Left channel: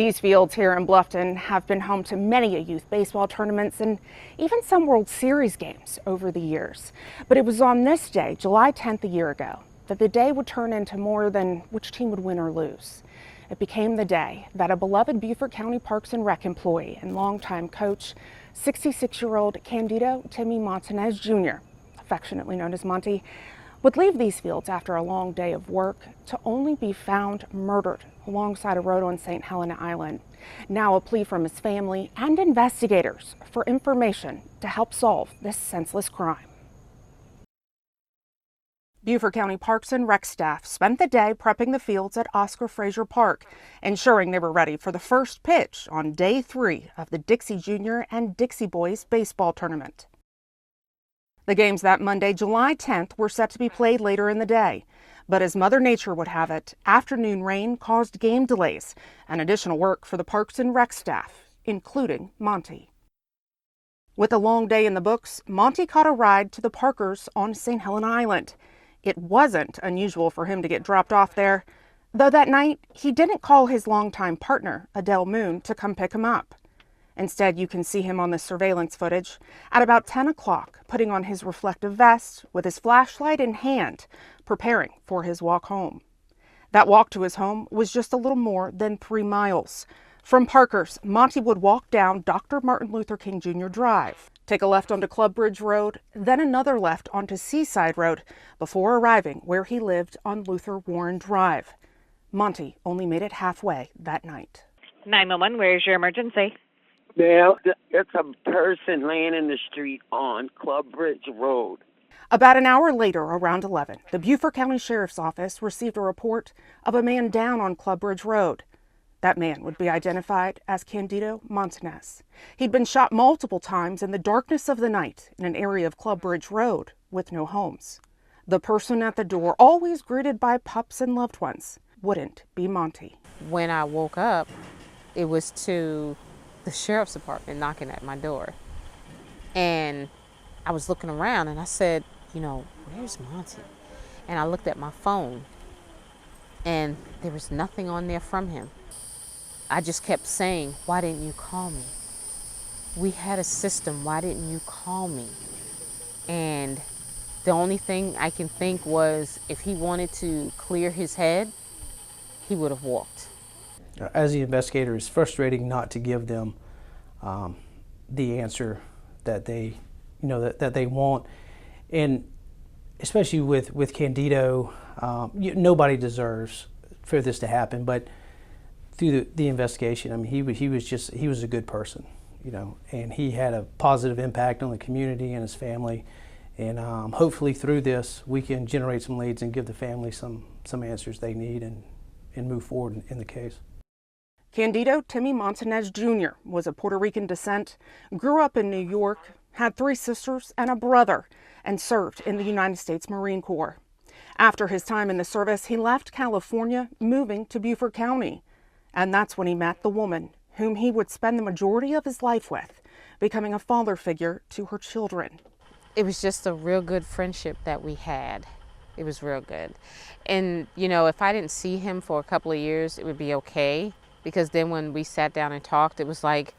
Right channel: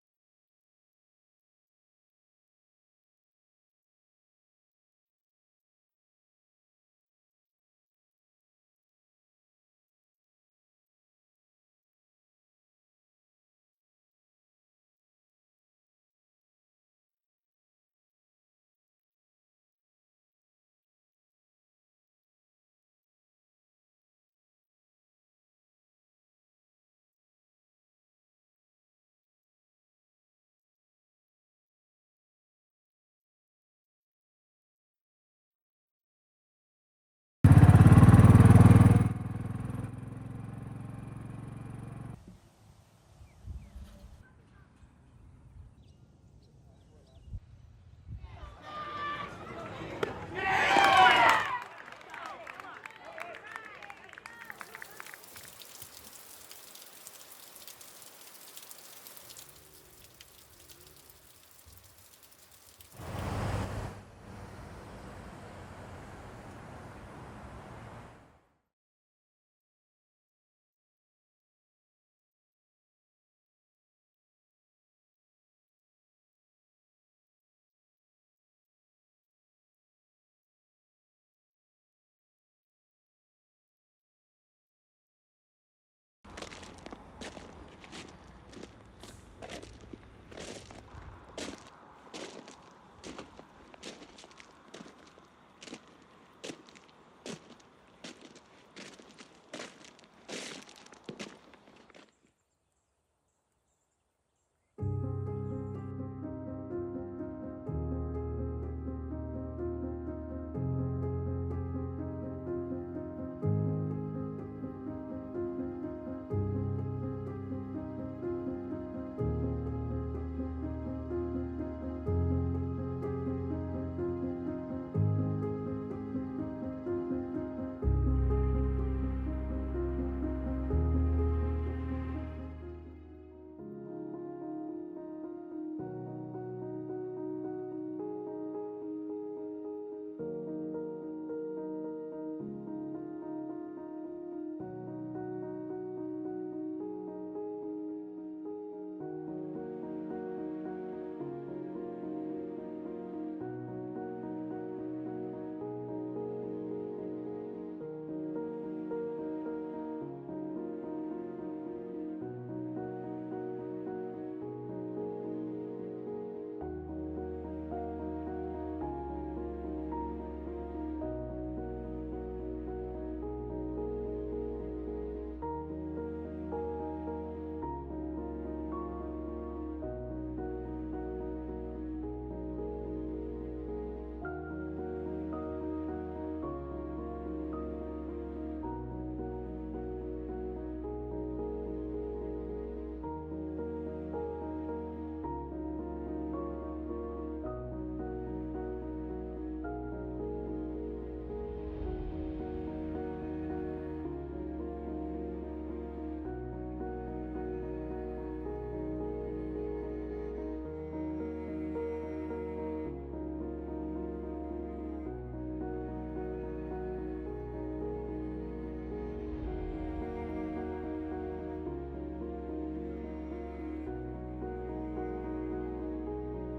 These fields here in Bluffton have been home to many youth baseball tournaments and even some World Series games over the years. But it was on this day, July 10th a year ago, that the day would turn into more than which team would win or lose. It became the day that a beloved Beaufort County Parks and Rec employee and longtime coach, 66-year-old Candido Timmy Montanez Jr, affectionately known as Monty, would leave these fields after a long day of work to only be found murdered alongside a road on Saint Helena Island. Now a plea from his family and investigators for information to help solve this senseless crime. Beaufort County Parks and Rec staff spent the day prepping the fields at Oscar Frazier Park, ensuring they were ready for the first pitch on day 3 of the Dixie Junior and Dixie Boys baseball tournament. The games that Monday, July 10th, were set to be played later in the day. But as Mother Nature would have it, afternoon rain caused game delays and additional work for the Parks and Rec staff, including Monty. With a long day in the books, Monty caught a ride to the Parkers on Saint Helena Island. It wasn't unusual for him to get dropped off there, though that night he didn't call his longtime partner, Adele Moon, to come pick him up. Instead, you can see him on the surveillance footage at about 10 o'clock, putting on his reflective vest with his flashlight in hand, preparing for his walk home. That walk to his home was just a little more than 3 miles. From Parker's, Monty would walk down Dr. Martin Luther King Jr. Drive, take a left onto Club Bridge Road, then another left onto Seaside Road, before arriving where he lived on Luther Warren Drive. Monty only made it halfway that night. 911, where's your emergency? Well, it's a person laying in the street on Club Bridge Road. About an hour later, around 11, the Beaufort County Sheriff's Office received a report of a man down on Club Bridge Road. That man would be identified as Candido Montanez. He'd been shot multiple times in the darkness of the night in an area of Club Bridge Road with no homes. The person at the door, always greeted by pups and loved ones, wouldn't be Monty. When I woke up, it was to the sheriff's department knocking at my door. And I was looking around and I said, where's Monty? And I looked at my phone and there was nothing on there from him. I just kept saying, why didn't you call me? We had a system, why didn't you call me? And the only thing I can think was if he wanted to clear his head, he would have walked. As the investigator, it's frustrating not to give them the answer that they, that they want, and especially with Candido, nobody deserves for this to happen. But through the investigation, I mean, he was a good person, and he had a positive impact on the community and his family. And hopefully through this, we can generate some leads and give the family some answers they need and move forward in the case. Candido Timmy Montanez Jr. was of Puerto Rican descent, grew up in New York, had 3 sisters and a brother, and served in the United States Marine Corps. After his time in the service, he left California, moving to Beaufort County. And that's when he met the woman whom he would spend the majority of his life with, becoming a father figure to her children. It was just a real good friendship that we had. It was real good. And, if I didn't see him for a couple of years, it would be okay. Because then when we sat down and talked, it was like,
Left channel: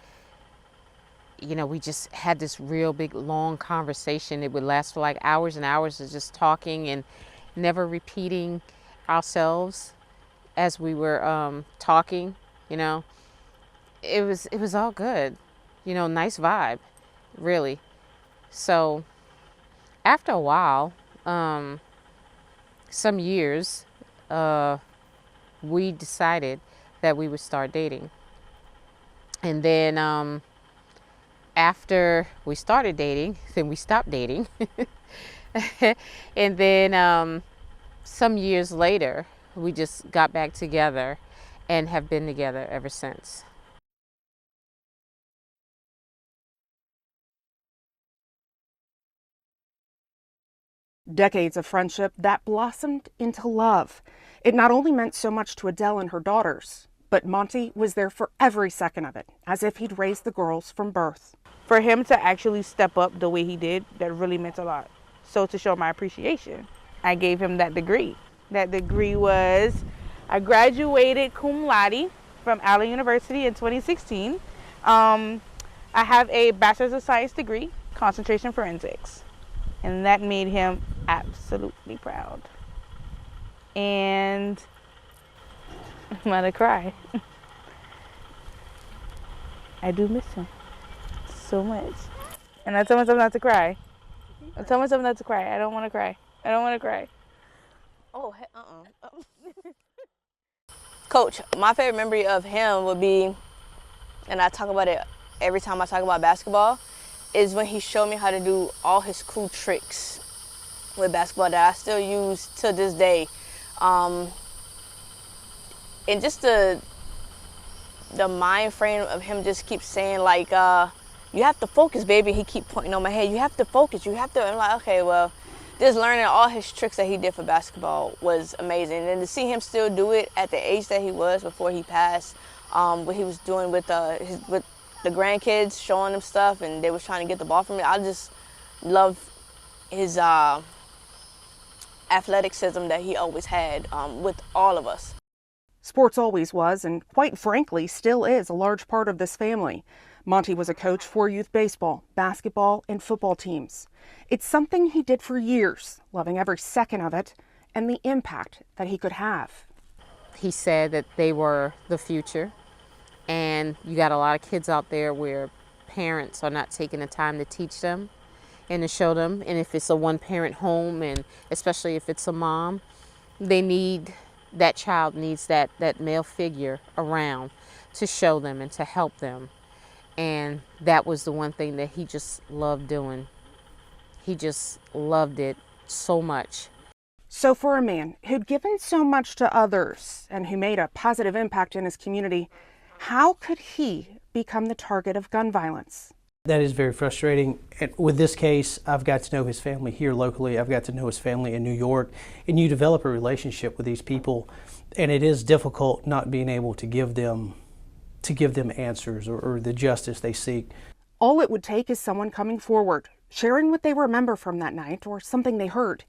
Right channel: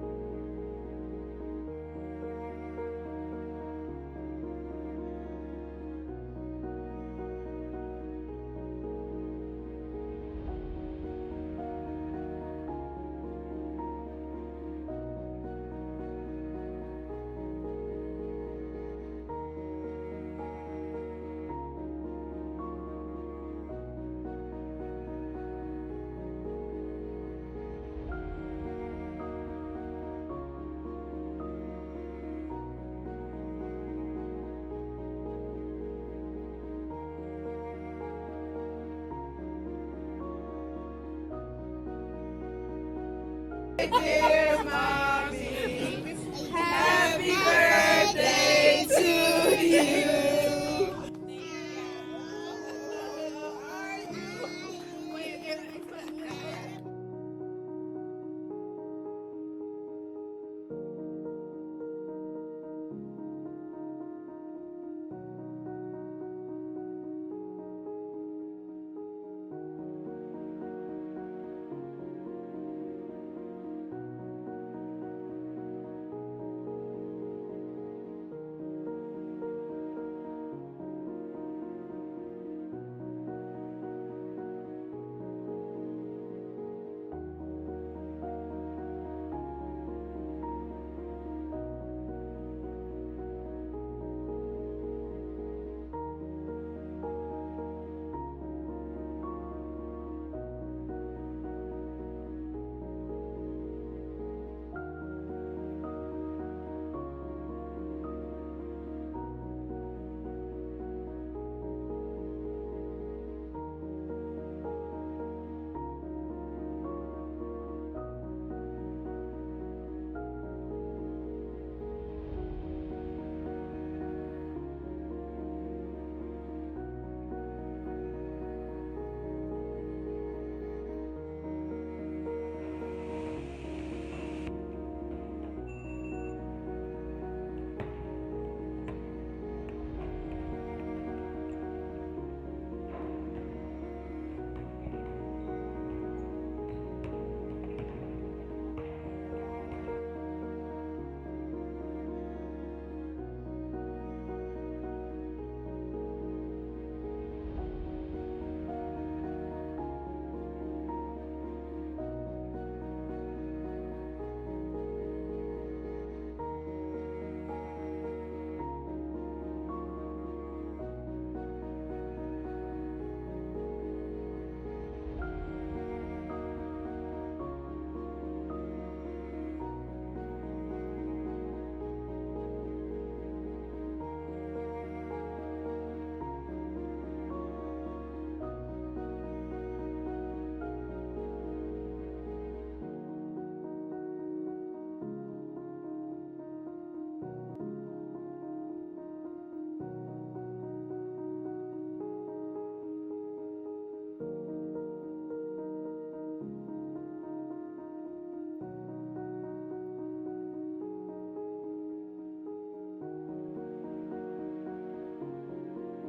we just had this real big, long conversation. It would last for like hours and hours of just talking and never repeating ourselves as we were talking, It was all good, nice vibe, really. So after a while, some years, we decided that we would start dating. And then after we started dating, then we stopped dating. And then some years later, we just got back together and have been together ever since. Dear Mommy, happy birthday to you. Decades of friendship that blossomed into love. It not only meant so much to Adele and her daughters, but Monty was there for every second of it, as if he'd raised the girls from birth. For him to actually step up the way he did, that really meant a lot. So to show my appreciation, I gave him that degree. That degree was, I graduated cum laude from Allen University in 2016. I have a Bachelor's of Science degree, concentration forensics, and that made him absolutely proud. And I'm gonna cry. I do miss him so much. And I tell myself not to cry. I tell myself not to cry. I don't want to cry. I don't want to cry. Oh, Coach, my favorite memory of him would be, and I talk about it every time I talk about basketball, is when he showed me how to do all his cool tricks with basketball that I still use to this day. And just the mind frame of him just keeps saying like, you have to focus, baby. He keep pointing on my head. You have to focus. You have to. I'm like, okay, well, just learning all his tricks that he did for basketball was amazing. And to see him still do it at the age that he was before he passed, what he was doing with the grandkids, showing them stuff, and they was trying to get the ball from me. I just love his athleticism that he always had with all of us. Sports always was, and quite frankly, still is a large part of this family. Monty was a coach for youth baseball, basketball, and football teams. It's something he did for years, loving every second of it and the impact that he could have. He said that they were the future, and you got a lot of kids out there where parents are not taking the time to teach them and to show them. And if it's a one-parent home, and especially if it's a mom, that child needs that male figure around to show them and to help them. And that was the one thing that he just loved doing. He just loved it so much. So for a man who'd given so much to others and who made a positive impact in his community, how could he become the target of gun violence? That is very frustrating. And with this case, I've got to know his family here locally. I've got to know his family in New York. And you develop a relationship with these people, and it is difficult not being able to give them answers or the justice they seek. All it would take is someone coming forward, sharing what they remember from that night or something they heard,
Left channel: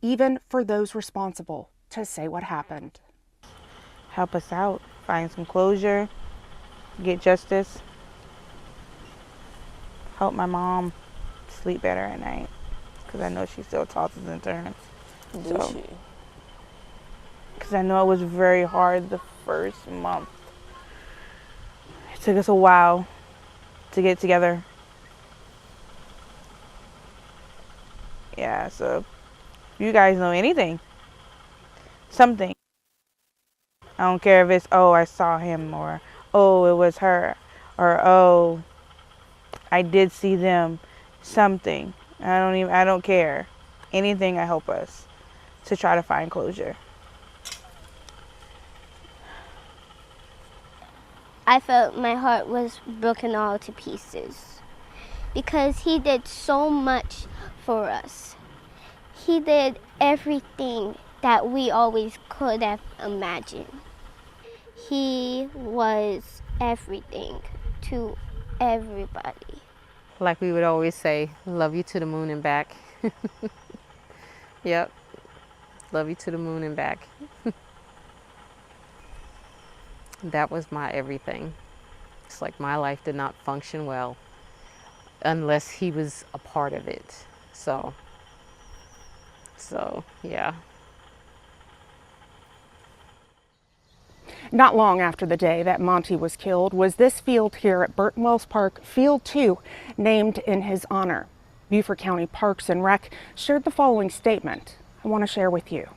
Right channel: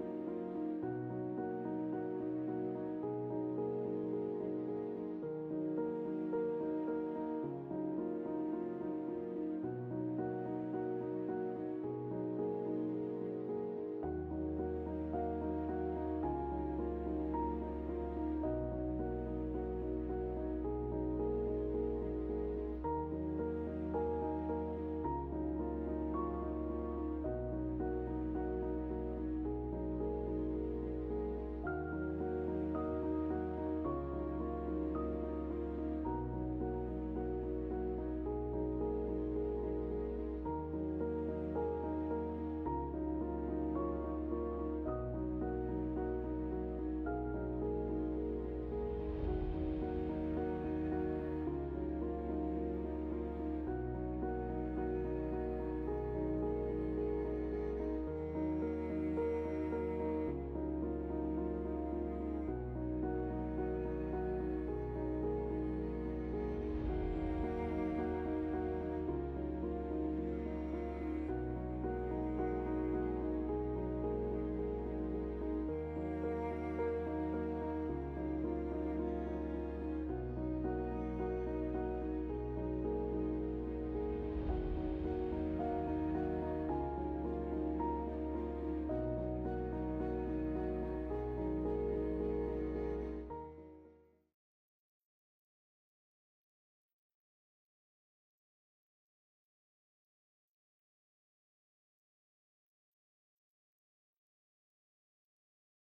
even for those responsible to say what happened. Help us out, find some closure, get justice. Help my mom sleep better at night, because I know she still tosses and turns. So, because I know it was very hard the first month. It took us a while to get together. Yeah, so if you guys know anything, something. I don't care if it's, oh, I saw him, or, oh, it was her, or, oh, I did see them, something. I don't care. Anything will help us to try to find closure. I felt my heart was broken all to pieces because he did so much for us. He did everything that we always could have imagined. He was everything to everybody. Like we would always say, love you to the moon and back. Yep, love you to the moon and back. That was my everything. It's like my life did not function well unless he was a part of it. So yeah. Not long after the day that Monty was killed was this field here at Burton Wells Park, Field 2, named in his honor. Beaufort County Parks and Rec shared the following statement I want to share with you.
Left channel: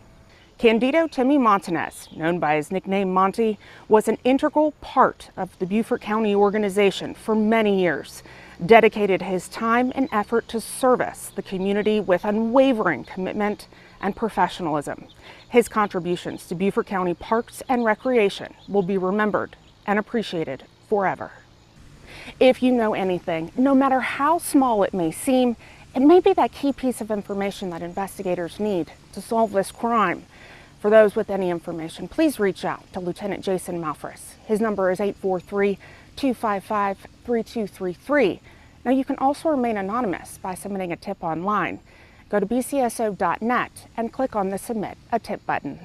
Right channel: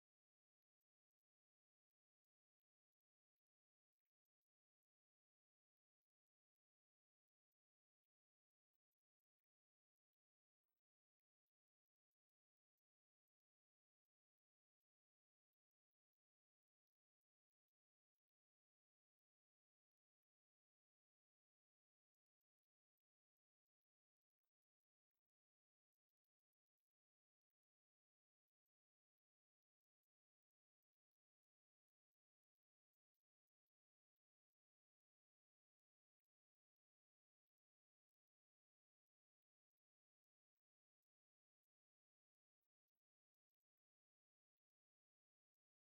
Candido Timmy Montanez, known by his nickname Monty, was an integral part of the Beaufort County organization for many years, dedicated his time and effort to service the community with unwavering commitment and professionalism. His contributions to Beaufort County Parks and Recreation will be remembered and appreciated forever. If you know anything, no matter how small it may seem, it may be that key piece of information that investigators need to solve this crime. For those with any information, please reach out to Lieutenant Jason Malphrus. His number is 843-255-3233. Now, you can also remain anonymous by submitting a tip online. Go to bcso.net and click on the Submit a Tip button.